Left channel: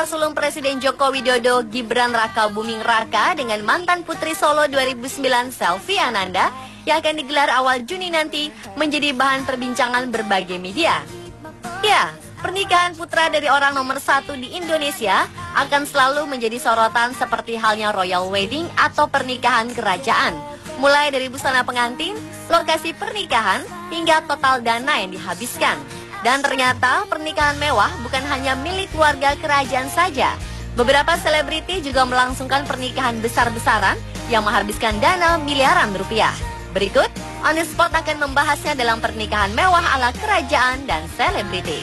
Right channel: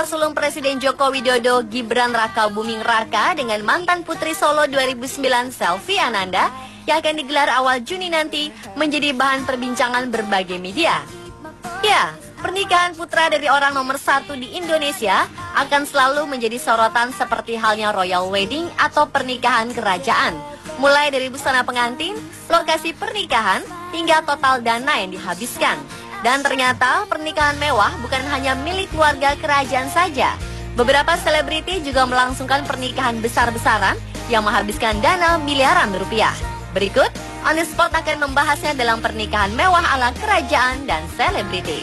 Putra sulung Presiden Joko Widodo, Gibran Raka Buming Raka dengan mantan Putri Solo 2009 Selvi Ananda yang akan digelar awal Juni nanti menjadi bahan perbincangan berbagai media. Ya, pernikahan putra dari orang nomor 1 di Indonesia akan selalu menjadi sorotan seperti halnya royal wedding atau pernikahan kerajaan. Mulai dari busana pengantin, lokasi pernikahan, hingga total dana yang dihabiskan. Dan ternyata pernikahan mewah bukan hanya milik keluarga kerajaan saja. Beberapa selebriti juga melangsungkan pernikahan besar-besaran yang menghabiskan dana miliaran rupiah. Berikut, On The Spot akan membahasnya dalam pernikahan mewah ala kerajaan dan selebriti.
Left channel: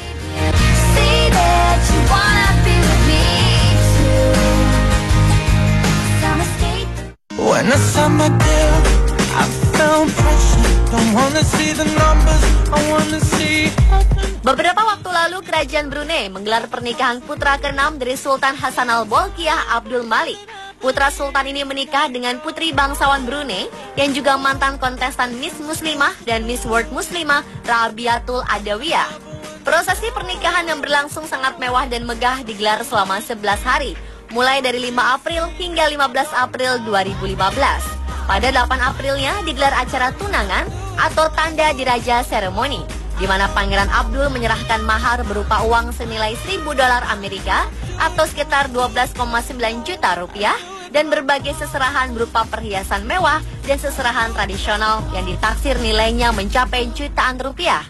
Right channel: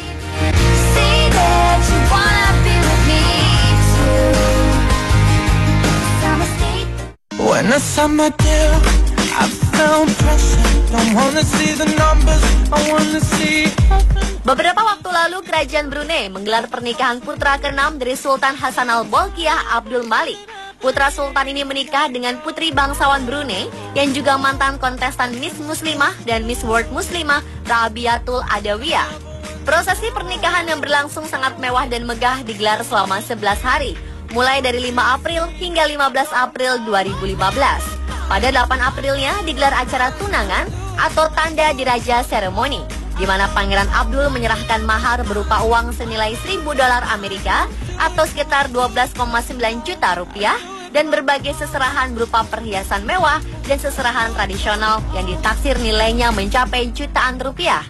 Beberapa waktu lalu, Kerajaan Brunei menggelar pernikahan putra ke-6 dari Sultan Hassan Al-Bolkiah Abdul Malik. Putra Sultan ini menikah dengan putri bangsawan Brunei yang juga mantan kontestan Miss Muslimah dan Miss World Muslimah Rabiatul Adawiyah. Prosesi pernikahan yang berlangsung sangat mewah dan megah digelar selama 11 hari, mulai dari 5 April hingga 15 April 2015. Pada 8 Aprilnya digelar acara tunangan atau tanda diraja seremoni, di mana Pangeran Abdul menyerahkan mahar berupa uang senilai $1.000 Amerika atau sekitar 12,9 juta rupiah dan berbagai seserahan berupa perhiasan mewah dan seserahan tradisional yang ditaksir nilainya mencapai jutaan rupiah.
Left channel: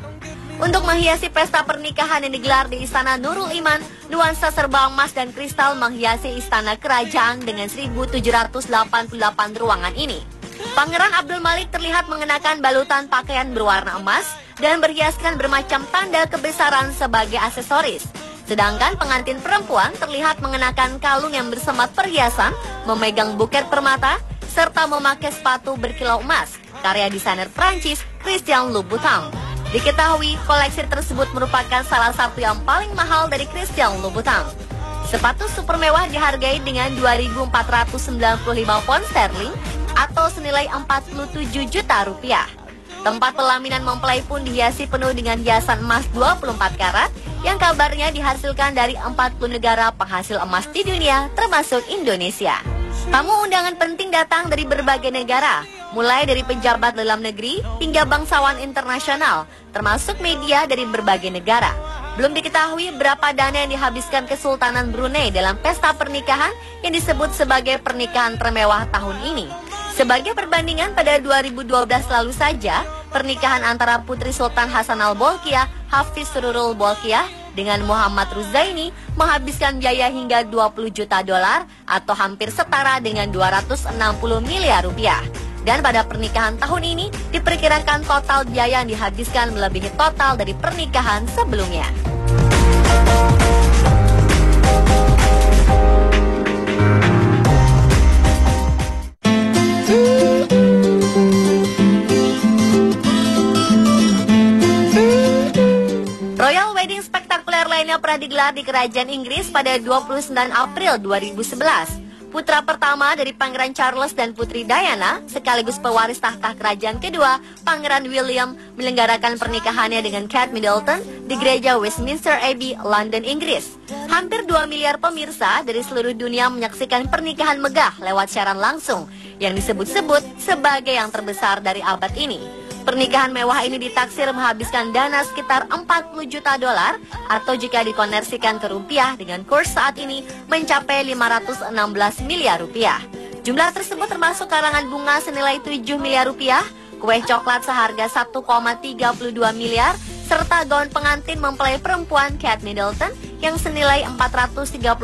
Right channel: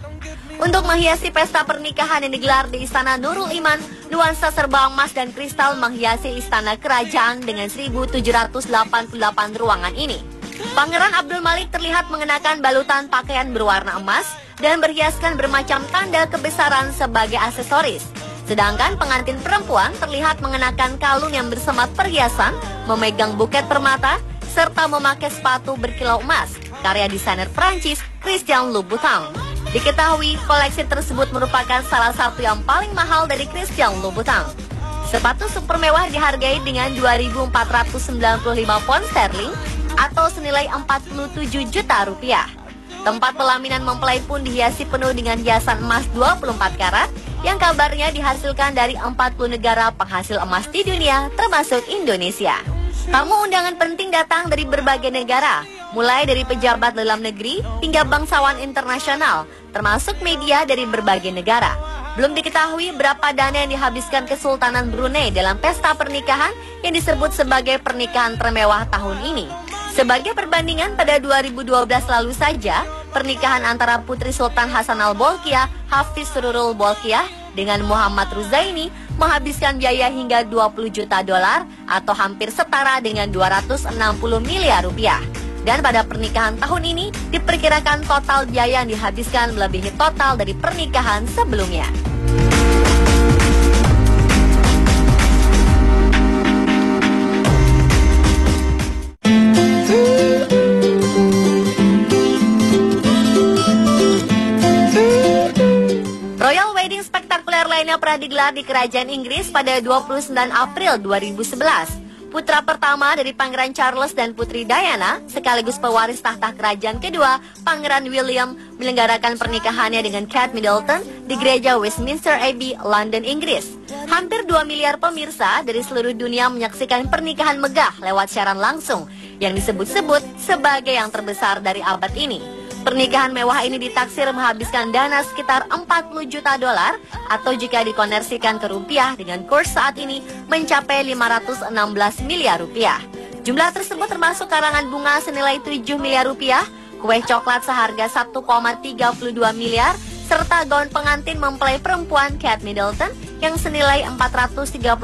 Untuk menghiasi pesta pernikahan yang digelar di Istana Nurul Iman, nuansa serba emas dan kristal menghiasi istana kerajaan dengan 1.788 ruangan ini. Pangeran Abdul Malik terlihat mengenakan balutan pakaian berwarna emas dan berhiaskan bermacam tanda kebesaran sebagai aksesoris. Sedangkan pengantin perempuan terlihat mengenakan kalung yang bersemat perhiasan, memegang buket permata, serta memakai sepatu berkilau emas, karya desainer Prancis Christian Louboutin. Diketahui koleksi tersebut merupakan salah satu yang paling mahal dari Christian Louboutin. Sepatu super mewah dihargai dengan 2.495 pound sterling atau senilai 47 juta rupiah. Tempat pelaminan mempelai pun dihiasi penuh dengan hiasan emas 24 karat yang kabarnya dihasilkan dari 40 negara penghasil emas di dunia termasuk Indonesia. Tamu undangan penting datang dari berbagai negara, mulai dari pejabat dalam negeri hingga bangsawan internasional, termasuk media dari berbagai negara. Belum diketahui berapa dana yang dihabiskan Kesultanan Brunei dalam pesta pernikahan yang disebut sebagai pernikahan termewah tahun ini. Sebagai perbandingan, pada 2012 lalu saja, pernikahan antara Putri Sultan Hassan Al-Bolkiah, Hafiz Sururul Bolkiah, dengan Muhammad Ruzaini menghabiskan biaya hingga $20 juta atau hampir setara dengan 260 miliar rupiah. Dan pada pernikahan tahun ini, diperkirakan total biaya yang dihabiskan melebihi total dari pernikahan sebelumnya. Royal wedding spektakuler lainnya pernah digelar di Kerajaan Inggris pada 29 April 2011. Putra pertama dari Pangeran Charles dan Putri Diana, sekaligus pewaris tahta kerajaan kedua, Pangeran William, menyelenggarakan pernikahannya dengan Kate Middleton di Gereja Westminster Abbey, London, Inggris. Hampir 2 miliar pemirsa dari seluruh dunia menyaksikan pernikahan megah lewat siaran langsung, yang disebut-sebut sebagai yang terbesar dari abad ini. Pernikahan mewah ini ditaksir menghabiskan dana sekitar $40 juta atau jika dikonversikan ke rupiah dengan kurs saat ini mencapai 516 miliar rupiah. Jumlah tersebut termasuk karangan bunga senilai 7 miliar rupiah, kue coklat seharga 1,32 miliar, serta gaun pengantin mempelai perempuan Kate Middleton yang senilai $434.000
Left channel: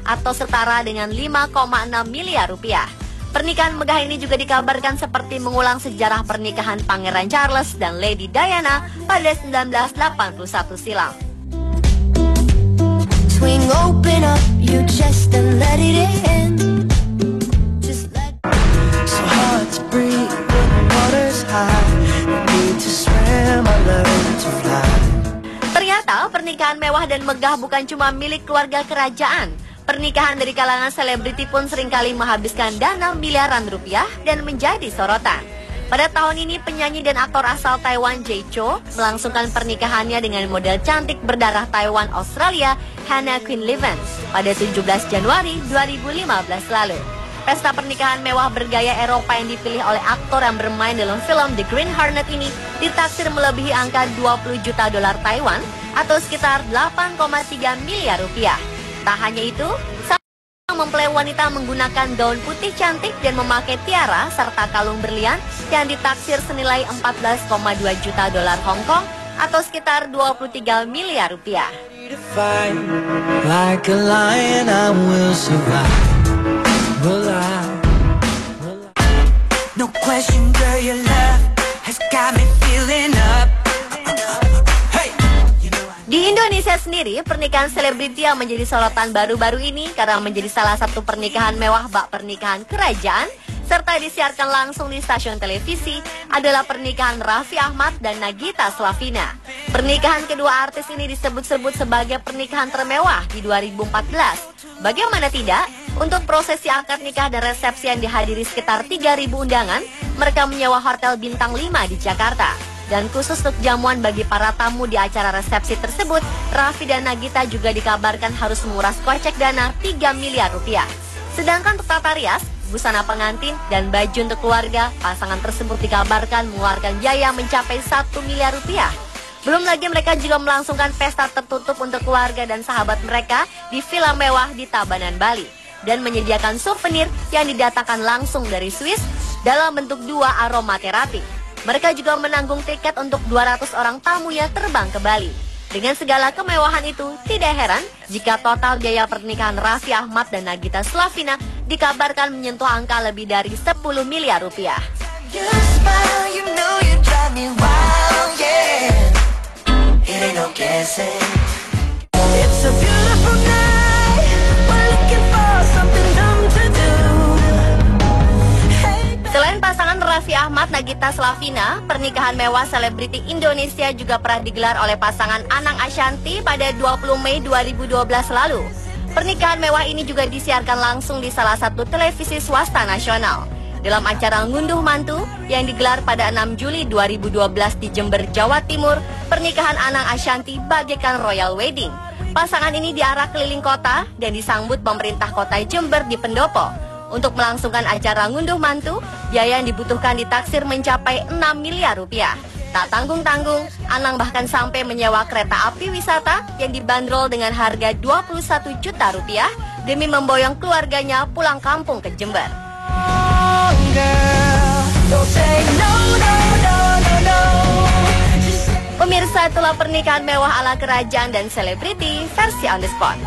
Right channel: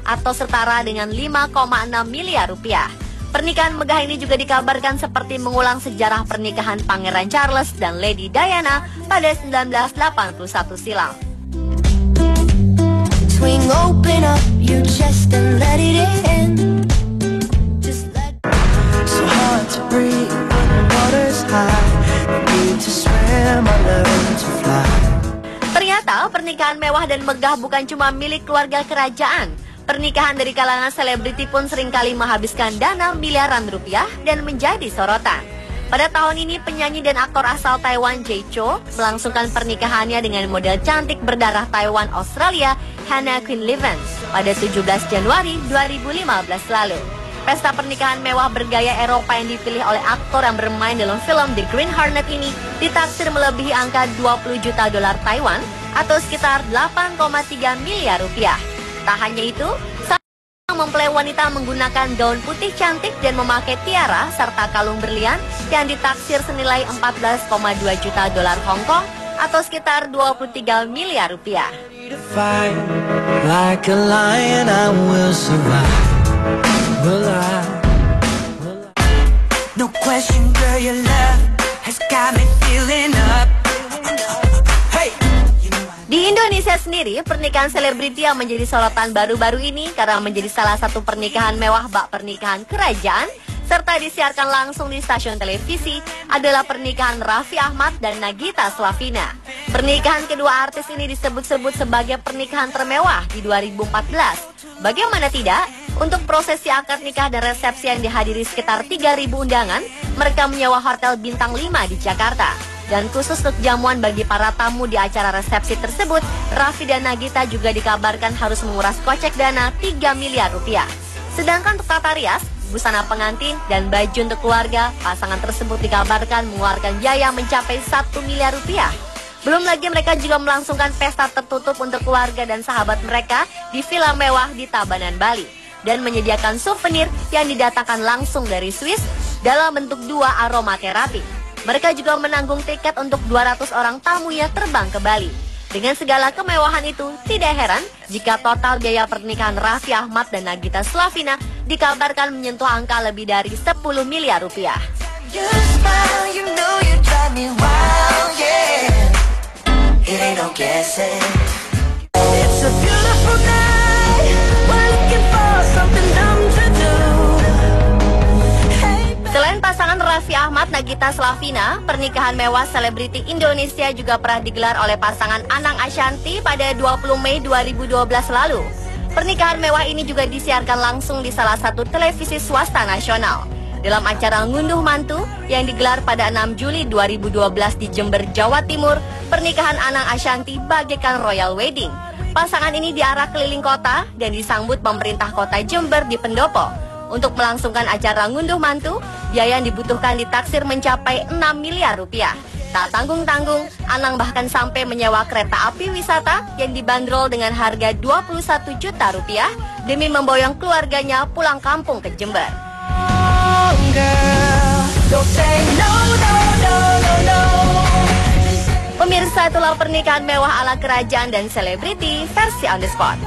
atau setara dengan 5,6 miliar rupiah. Pernikahan megah ini juga dikabarkan seperti mengulang sejarah pernikahan Pangeran Charles dan Lady Diana pada 1981 silam. Ternyata pernikahan mewah dan megah bukan cuma milik keluarga kerajaan. Pernikahan dari kalangan selebriti pun seringkali menghabiskan dana miliaran rupiah dan menjadi sorotan. Pada tahun ini, penyanyi dan aktor asal Taiwan Jay Chou melangsungkan pernikahannya dengan model cantik berdarah Taiwan Australia Hannah Queen Levens pada 17 Januari 2015 lalu. Pesta pernikahan mewah bergaya Eropa yang dipilih oleh aktor yang bermain dalam film The Green Hornet ini ditaksir melebihi angka 20 juta dolar Taiwan atau sekitar 8,3 miliar rupiah. Tak hanya itu, mempelai wanita menggunakan gaun putih cantik dan memakai tiara serta kalung berlian yang ditaksir senilai 14,2 juta dolar Hong Kong atau sekitar 23 miliar rupiah. Di Indonesia sendiri, pernikahan selebriti yang menjadi sorotan baru-baru ini karena menjadi salah satu pernikahan mewah bak pernikahan kerajaan serta disiarkan langsung di stasiun televisi adalah pernikahan Raffi Ahmad dan Nagita Slavina. Pernikahan kedua artis ini disebut-sebut sebagai pernikahan termewah di 2014. Bagaimana tidak? Untuk prosesi akad nikah dan resepsi yang dihadiri sekitar 3.000 undangan, mereka menyewa hotel bintang 5 di Jakarta. Dan khusus untuk jamuan bagi para tamu di acara resepsi tersebut, Raffi dan Nagita juga dikabarkan harus menguras kocek dana 3 miliar rupiah. Sedangkan untuk tata rias, busana pengantin, dan baju untuk keluarga, pasangan tersebut dikabarkan mengeluarkan biaya mencapai 1 miliar rupiah. Belum lagi mereka juga melangsungkan pesta tertutup untuk keluarga dan sahabat mereka di villa mewah di Tabanan, Bali. Dan menyediakan souvenir yang didatangkan langsung dari Swiss dalam bentuk 2 aromaterapi. Mereka juga menanggung tiket untuk 200 orang tamunya terbang ke Bali. Dengan segala kemewahan itu, tidak heran jika total biaya pernikahan Raffi Ahmad dan Nagita Slavina dikabarkan menyentuh angka lebih dari 10 miliar rupiah. Selain pasangan Raffi Ahmad Nagita Slavina, pernikahan mewah selebriti Indonesia juga pernah digelar oleh pasangan Anang Ashanty pada 20 Mei 2012 lalu. Pernikahan mewah ini juga disiarkan langsung di salah satu televisi swasta nasional. Dalam acara Ngunduh Mantu yang digelar pada 6 Juli 2012 di Jember, Jawa Timur, pernikahan Anang Ashanty bagaikan royal wedding. Pasangan ini diarak keliling kota dan disambut pemerintah kota Jember di pendopo. Untuk melangsungkan acara Ngunduh Mantu, biaya yang dibutuhkan ditaksir mencapai 6 miliar rupiah. Tak tanggung-tanggung, Anang bahkan sampai menyewa kereta api wisata yang dibanderol dengan harga 21 juta rupiah demi memboyong keluarganya pulang kampung ke Jember. Pemirsa, itulah pernikahan mewah ala kerajaan dan selebriti versi on the spot.